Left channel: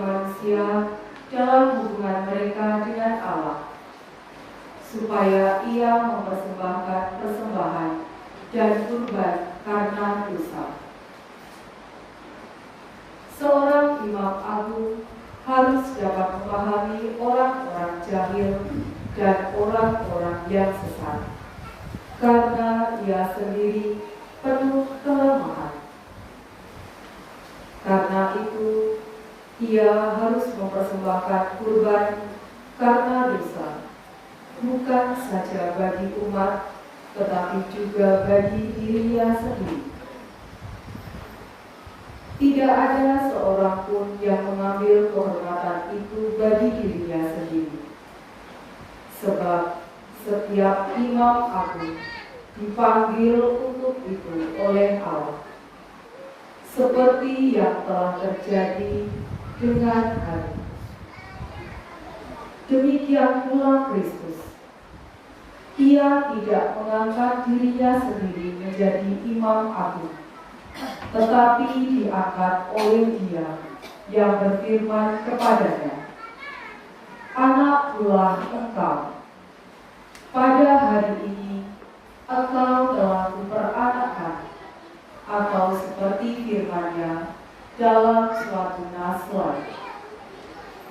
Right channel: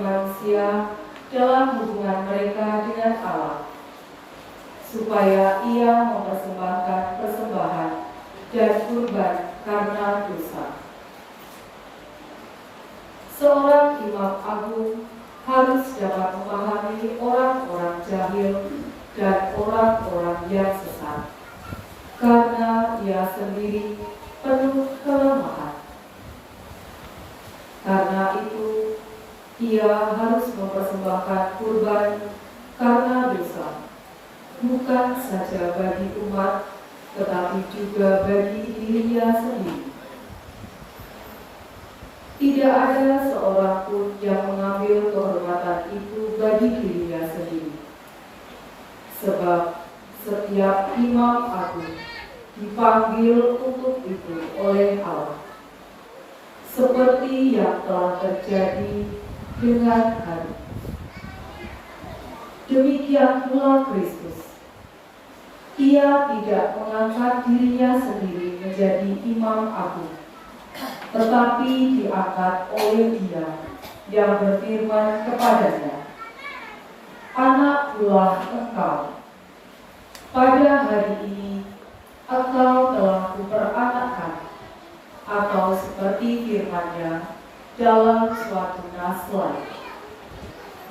manusia dalam hubungan mereka dengan Allah, supaya ia mempersembahkan persembahan dan kurban karena dosa. Seorang imam agung harus dapat memahami orang-orang jahil dan orang-orang yang sesat, karena ia sendiri penuh kelemahan. Karena itu, ia harus mempersembahkan kurban karena dosa, bukan saja bagi umat, tetapi juga bagi dirinya sendiri. Tidak ada seorang pun yang mengambil kehormatan itu bagi dirinya sendiri, sebab setiap imam agung dipanggil untuk itu oleh Allah, seperti yang telah terjadi dengan hari. Demikian pula Kristus. Ia tidak mengangkat dirinya sendiri menjadi imam agung, tetapi diangkat oleh Dia yang berfirman kepadanya, "Anak buah engkau, pada hari ini engkau telah kuperanakkan," atau seperti firman-Nya dalam suatu nas lain,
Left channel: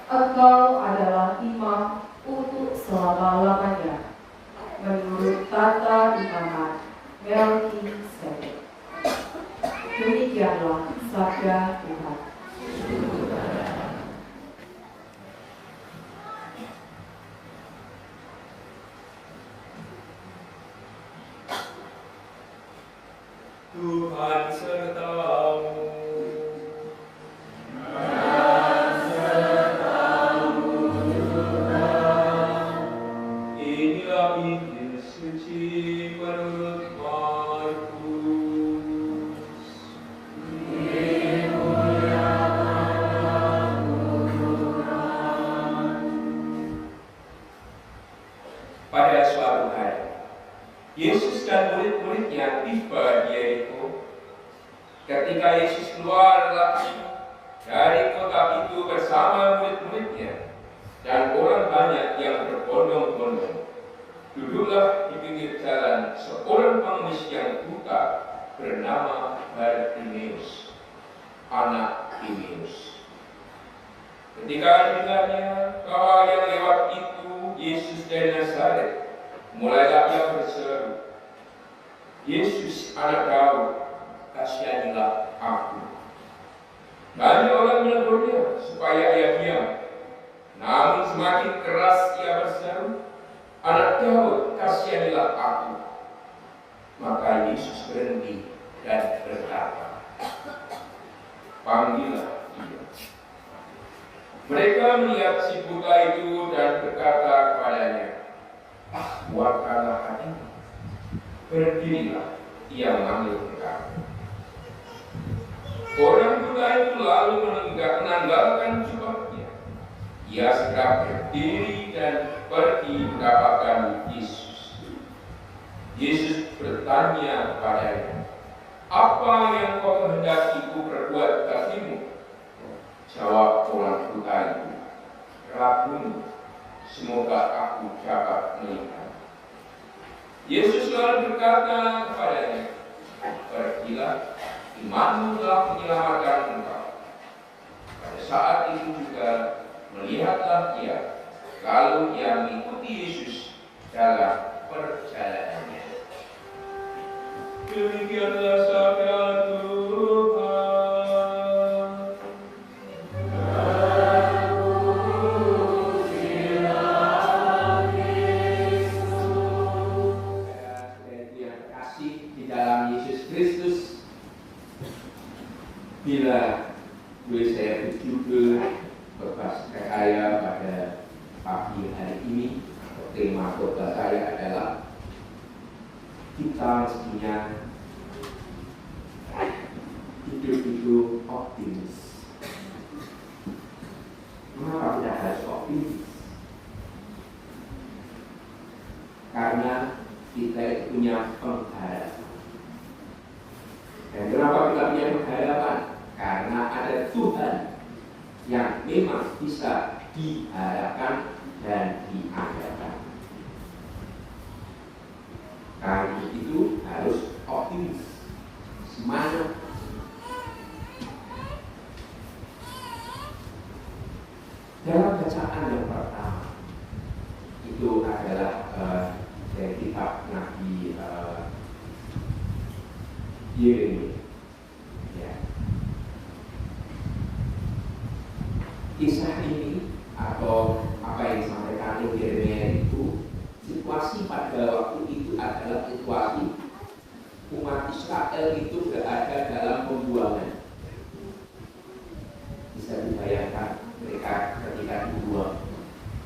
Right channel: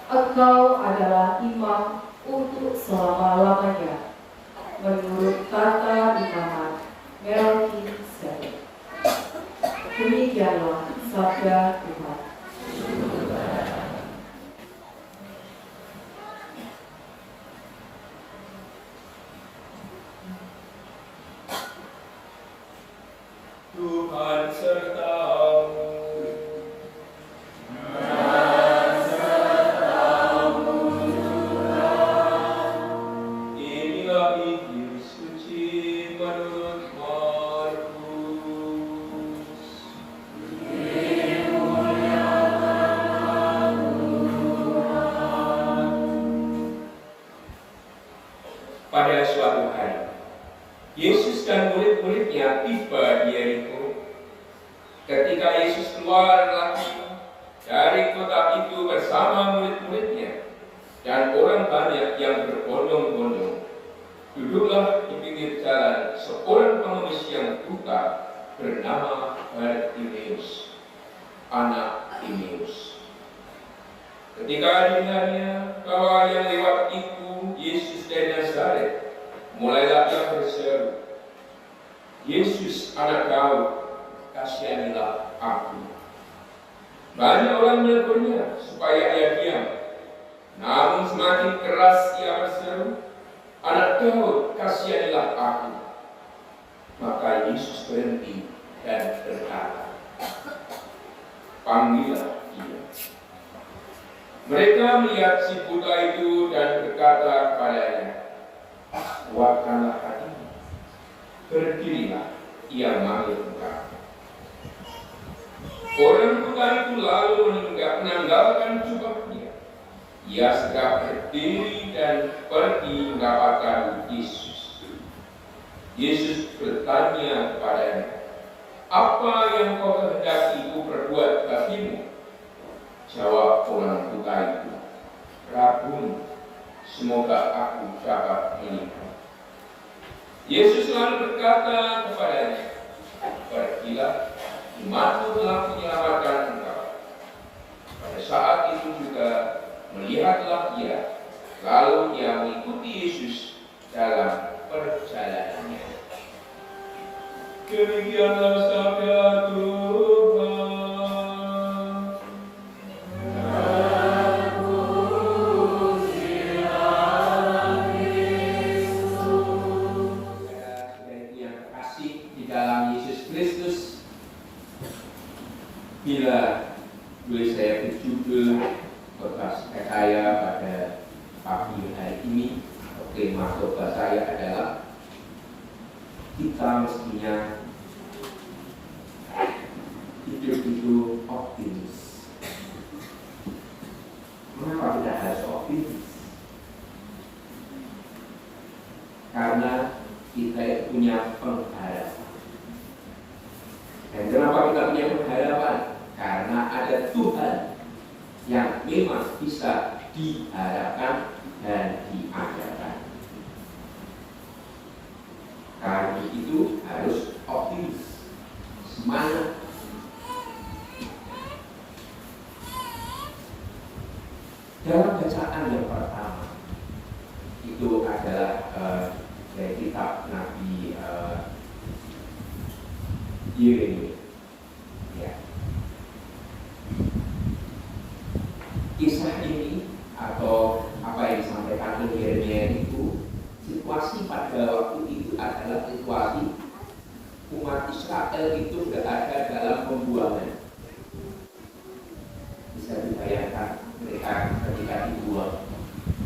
"Engkau adalah imam untuk selama-lamanya, menurut tata imamat Melkisedek." Demikianlah sabda Tuhan. Tuhan sertamu. Inilah Injil suci menurut Markus. Pada suatu hari, Yesus dan murid-muridnya tiba di Yeriko. Ketika Yesus keluar dari kota itu bersama murid-muridnya dan orang banyak yang berbondong-bondong, duduklah di pinggir jalan seorang pengemis yang buta bernama Bartimeus, anak Timeus. Ketika dengarnya bahwa yang lewat itu Yesus dari Nazaret, mulailah ia berseru, "Yesus, anak Daud, kasihanilah aku." Banyak orang menegurnya supaya ia diam. Namun semakin keras ia berseru, "Anak Daud, kasihanilah aku." Maka Yesus berhenti dan berkata, "Panggillah dia." Mereka melihat si buta itu dan berkata kepadanya, "Kuatkanlah hatimu, berdirilah, ia memanggil engkau." Orang buta itu lalu menanggalkan jubahnya. Ia segera berdiri dan pergi mendapatkan Yesus. Yesus bertanya kepadanya, "Apa yang kau kehendaki ku perbuat bagimu?" Jawab orang buta itu, "Rabuni, semoga aku dapat melihat." Yesus lalu berkata kepadanya, "Pergilah, imanmu telah menyelamatkan engkau." Pada saat itu juga melihatlah ia, lalu ia mengikuti Yesus dalam perjalanannya. Demikianlah sabda Tuhan. Bila boleh saya berjudul khotbah saya pada pagi hari ini, atau tema khotbah saya adalah kita mestinya hidup optimis. Mengapa kita harus optimis? Karena kita punya pengharapan. Dan kenapa kita punya pengharapan? Karena ada Tuhan yang memang memang bisa diharapkan dan diadakan. Kami itu harus optimis, semangat. Dalam bacaan yang pertama itu adalah dari kitab Nabi Yeremia. Ya. Kisah ini atau apa yang disampaikan oleh Yeremia itu, situasi pada waktu itu adalah situasi umat Israel itu berada dalam pembuangan. Bisa dibayangkan mereka ketika dibuang,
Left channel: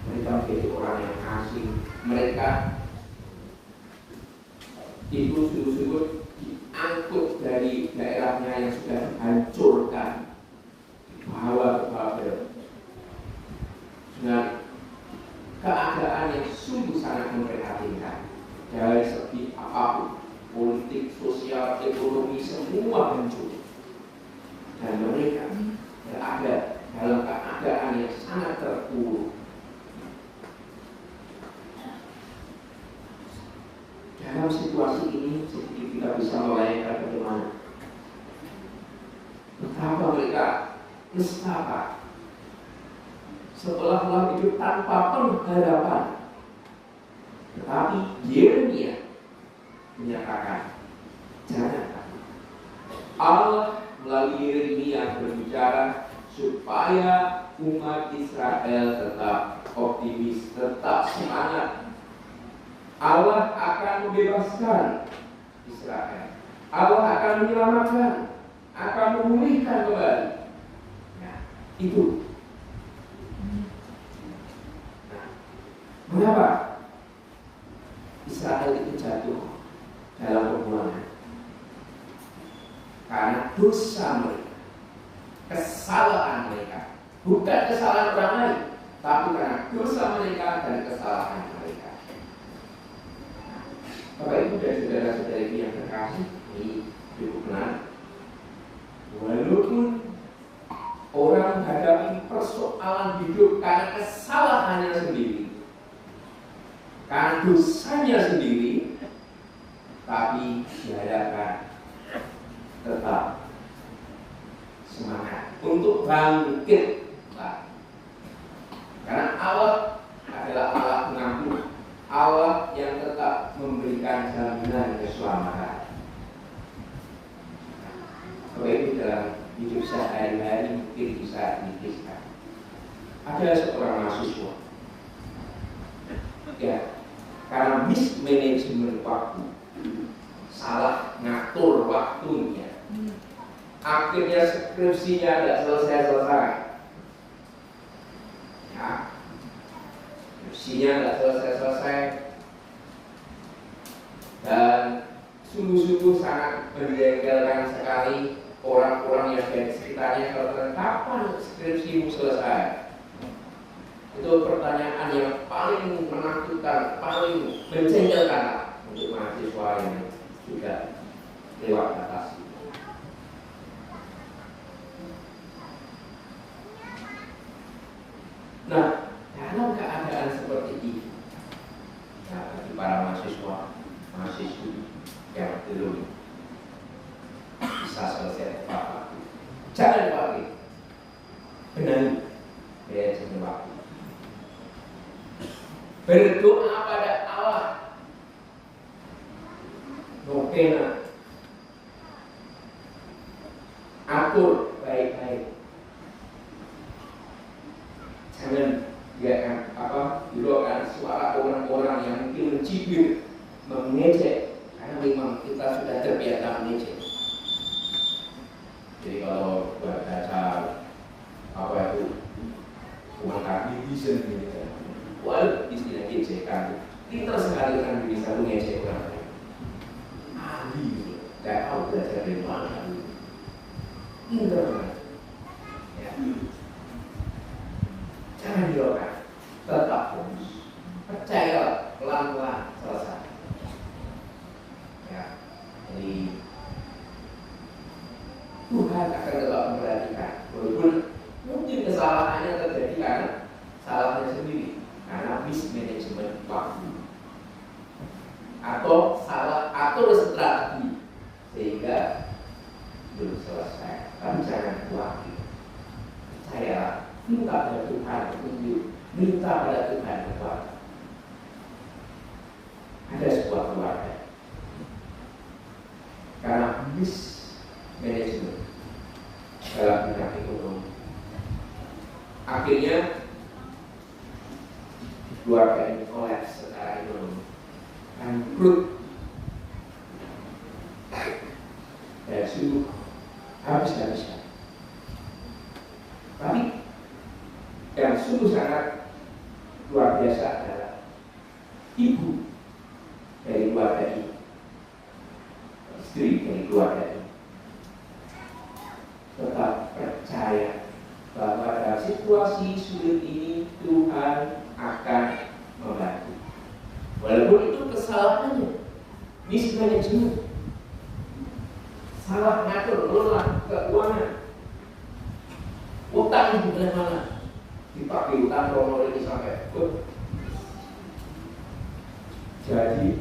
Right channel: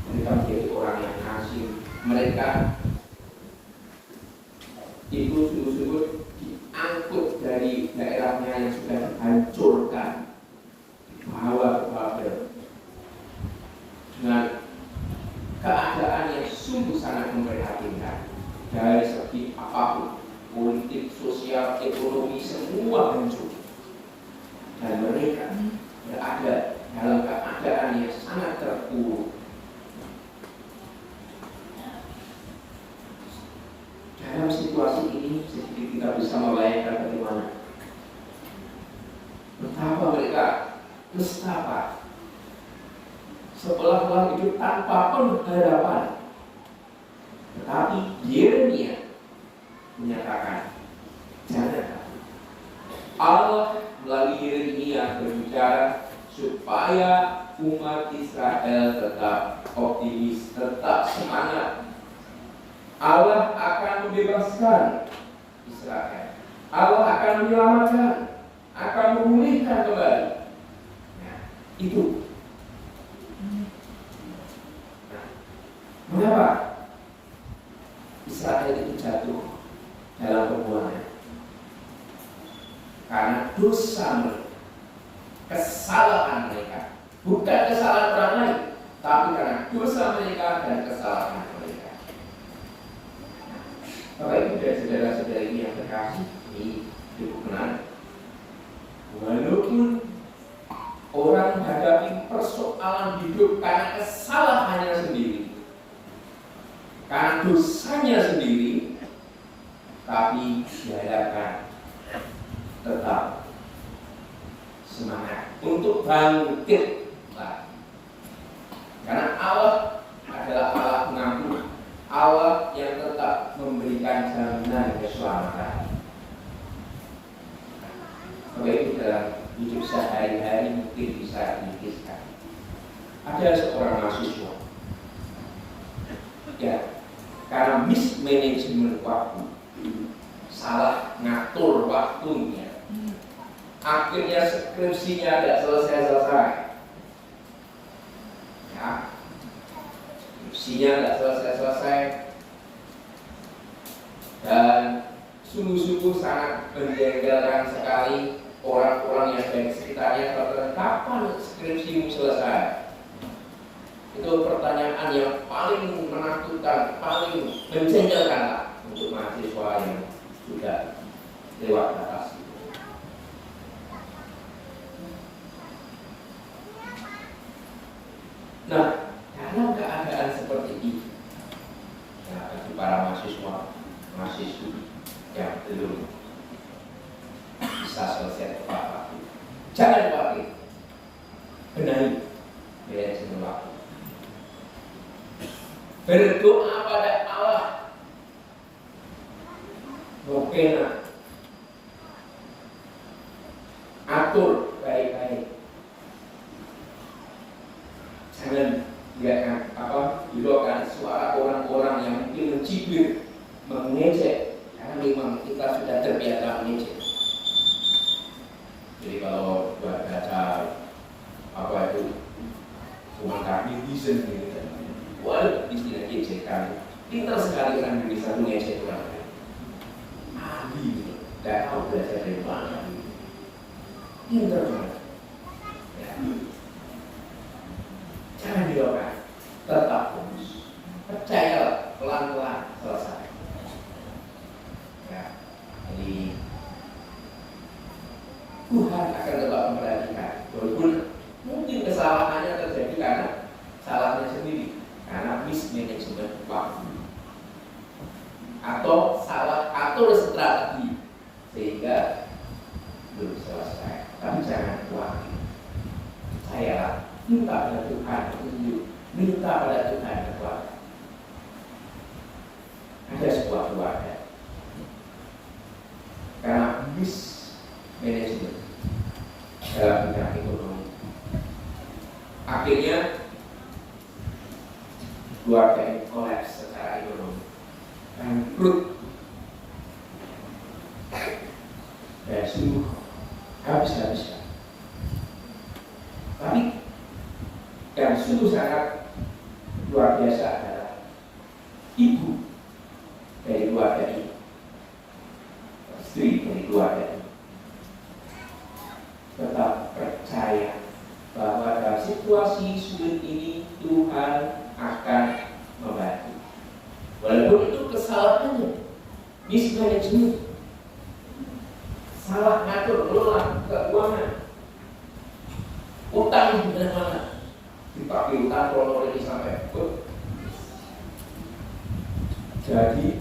mereka menjadi orang yang asing, mereka itu sungguh-sungguh diangkut dari daerahnya yang sudah dihancurkan, dibawa ke Babel dengan keadaan yang sungguh sangat memprihatinkan dari segi apapun, politik, sosial, ekonomi, semua hancur, dan mereka berada dalam keadaan yang sangat terpuruk. Dalam situasi ini sedikit kita bisa membayangkan bagaimana betapa mereka nestapa, seolah-olah hidup tanpa pengharapan. Tetapi Yeremia menyatakan, jangan takut. Allah melalui Yeremia berbicara supaya umat Israel tetap optimis, tetap semangat. Allah akan membebaskan Israel. Allah akan menyelamatkan, akan memulihkan kembali. Nah, itu. Mengapa Israel itu jatuh dalam pembuangan? Karena dosa mereka, kesalahan mereka, bukan kesalahan orang lain, tapi karena dosa mereka dan kesalahan mereka. Bapak Ibu dan saudara-saudari yang terkasih di hubungan, walaupun orang menghadapi persoalan hidup karena kesalahannya sendiri, karena dosanya sendiri, tapi diharapkan tetap semangat untuk bangkit lagi. Karena Allah adalah Allah pengampun, Allah yang tetap memberikan jaminan keselamatan. Kalau itu dalam hidup sehari-hari mungkin bisa dikisahkan. Ada seorang mahasiswa, ya, karena mismanagement waktu, salah ngatur waktunya, akhirnya skripsinya tidak selesai-selesai. Ya, skripsinya tidak selesai-selesai dan sungguh-sungguh sangat menjengkelkan sekali orang-orang yang baik sekitarnya. Kalau kapan skripsimu selesai? Itu pertanyaan yang paling menakutkan, paling menjengkelkan untuk mahasiswa yang juga lewat batas. Nah, dalam keadaan seperti ini, ya, bagi para mahasiswi yang belum bisa selesai tepat waktu, jangan khawatir, benahi manajemen waktu. Berdoa pada Allah, nopena, atur baik-baik. Jangan biarkan diluarkan suara orang-orang yang mungkin mencibir, mengejek, karena memang kita sudah terbiasa mengejek. Jadi kalau baca apa itu komentar netizen gitu, wah istilah ejekan, pintar sekali orang Indonesia mengejek orang lain. Ahli, nggak tahu belajar dari mana. Pintar banget. Ya. Jangan didoakan, tetap fokus, percaya, pelan-pelan selesai. Ya, jadi Tuhan akan tetap memperhatikan, walaupun mungkin kesalahannya terjadi Tuhan petunjuk, minta pada Tuhan kekuatan. Ada sebuah keluarga karena mismanagement dalam bidang ekonomi, akhirnya keluarga ini kolaps secara ekonomi, bangkrut, dan sungguh habis-habisan. Tapi yang sungguh sangat luar biasa adalah ibu dari keluarga ini, istri dari keluarga ini, tetap percaya bahwa dalam situasi sulit ini Tuhan akan membantu. Walaupun itu kesalahannya, mismanagement, salah ngatur kelola keuangan, utang di mana-mana, dipakai utang krono ini sampai jadi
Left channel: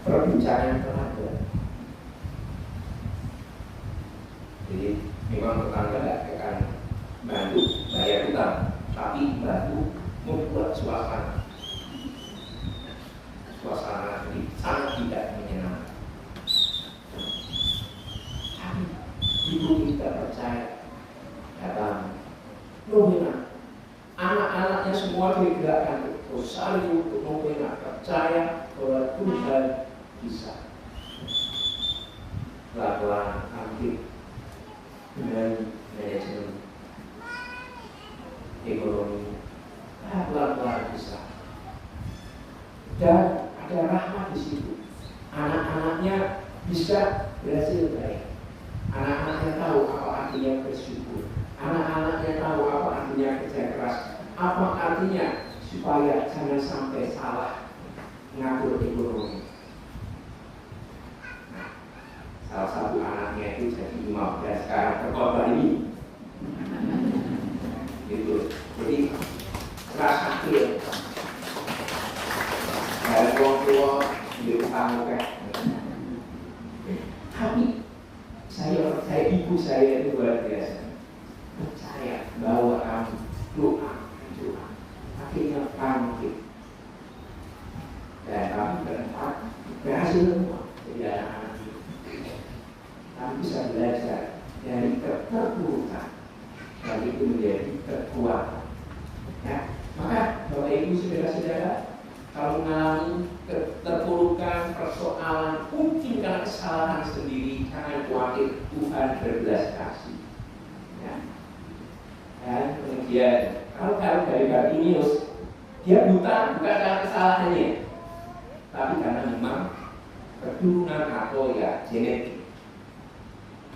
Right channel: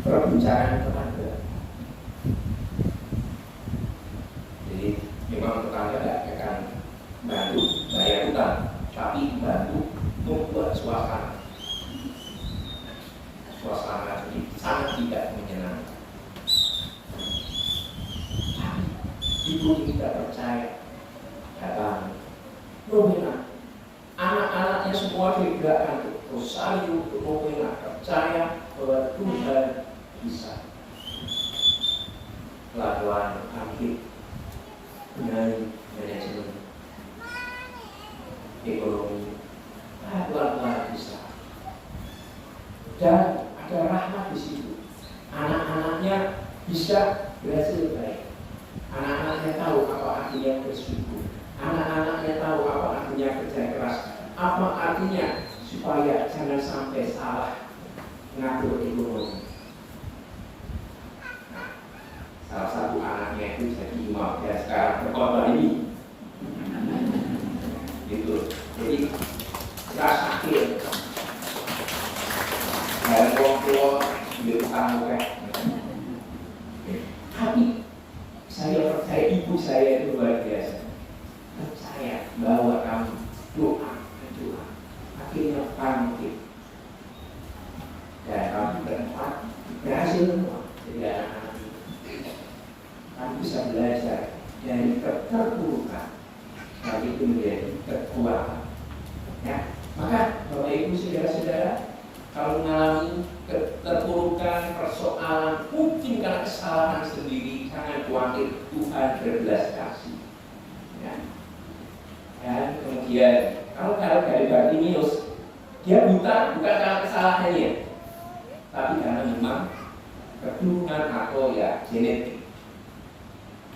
perbincangan tetangga. Jadi memang tetangga tidak akan bantu bayar utang, tapi bantu membuat suasana jadi sangat tidak menyenangkan. Tapi ibu tidak percaya, datang nominal, anak-anaknya semua digerakkan terus saling untuk nominal, percaya bahwa Tuhan bisa. Lakukan ambil dengan manajemen ekonomi, pelan-pelan bisa. Dan ada rahmat di situ. Anak-anaknya bisa berhasil baik. Anak-anaknya tahu apa artinya bersyukur. Anak-anaknya tahu apa artinya kerja keras. Apa artinya supaya jangan sampai salah mengatur ekonomi. Nah, salah satu anaknya itu jadi imam dan sekarang berkorban ini. Gitu. Jadi keras akhir. Dan orang di utang tapi saya percaya ibu saya itu luar biasa, percaya bahwa kamu doa, akhirnya bangkit dan kami berempat berhasil semua jadi anak-anak itu. Kami bisa belajar dari keterpurukan dan itu menjadi kekuatan. Ya, maka Bapak Ibu saudara-saudara, kalau mengalami keterpurukan, persoalan, mungkin karena kesalahan sendiri, jangan khawatir, Tuhan berbelas kasih. Ya. Dan kemudian, kalau dari Bartimius, dia buta bukan karena kesalahannya, tapi karena memang keturunan atau ya genetik.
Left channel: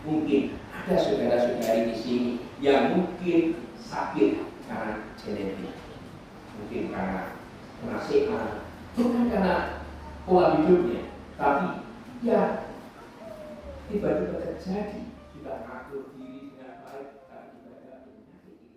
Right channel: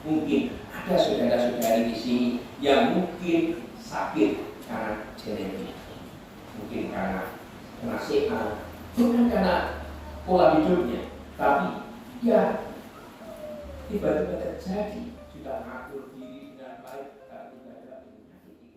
Mungkin ada saudara-saudari di sini yang mungkin sakit karena genetik, mungkin karena nasihat, bukan karena pola hidupnya, tapi ya tiba-tiba terjadi sudah mengatur diri dengan baik, tapi tidak ada penyakit itu.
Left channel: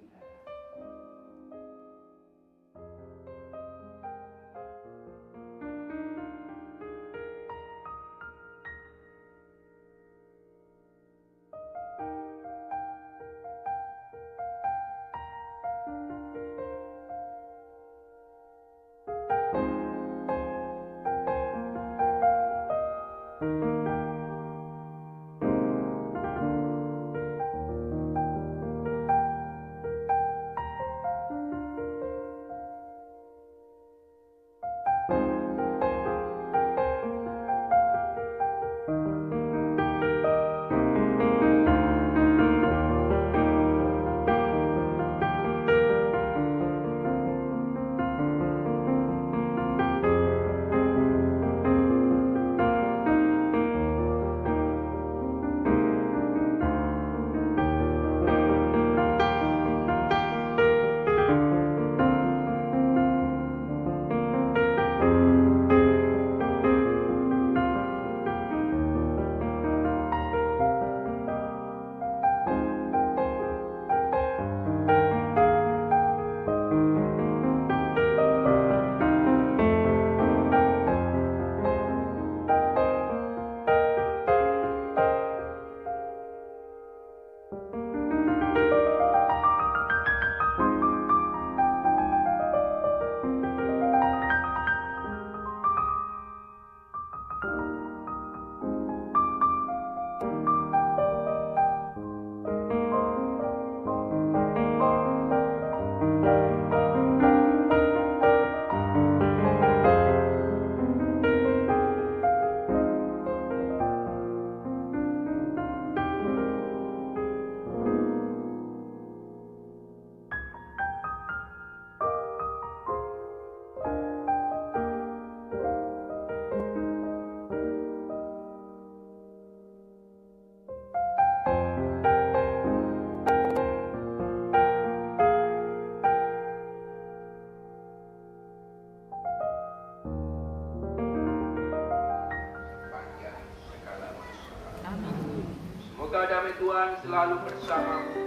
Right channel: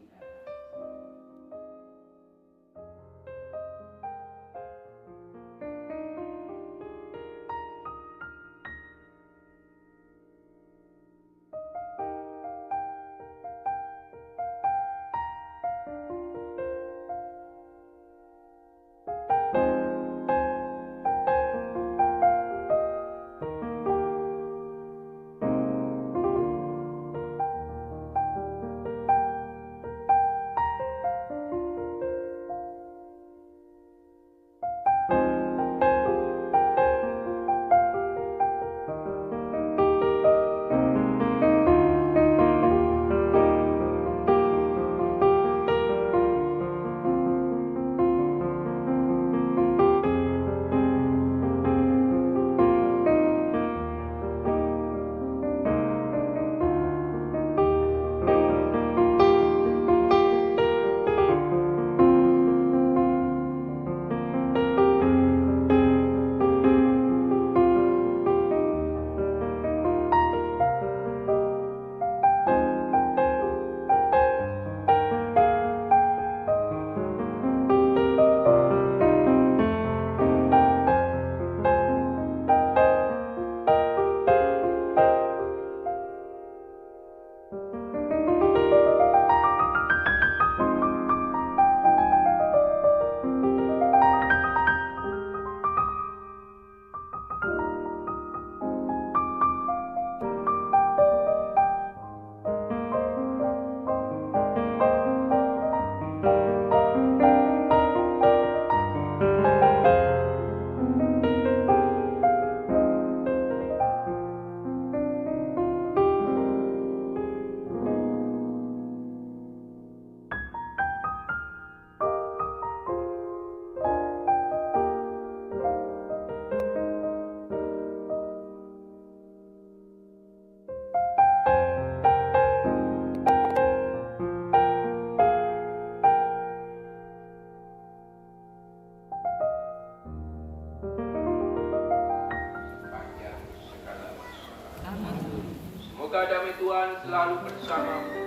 Tuhan selalu bersamamu.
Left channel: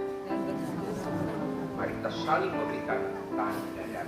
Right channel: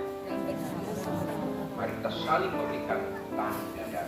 Mari kita saling memberikan tanda dan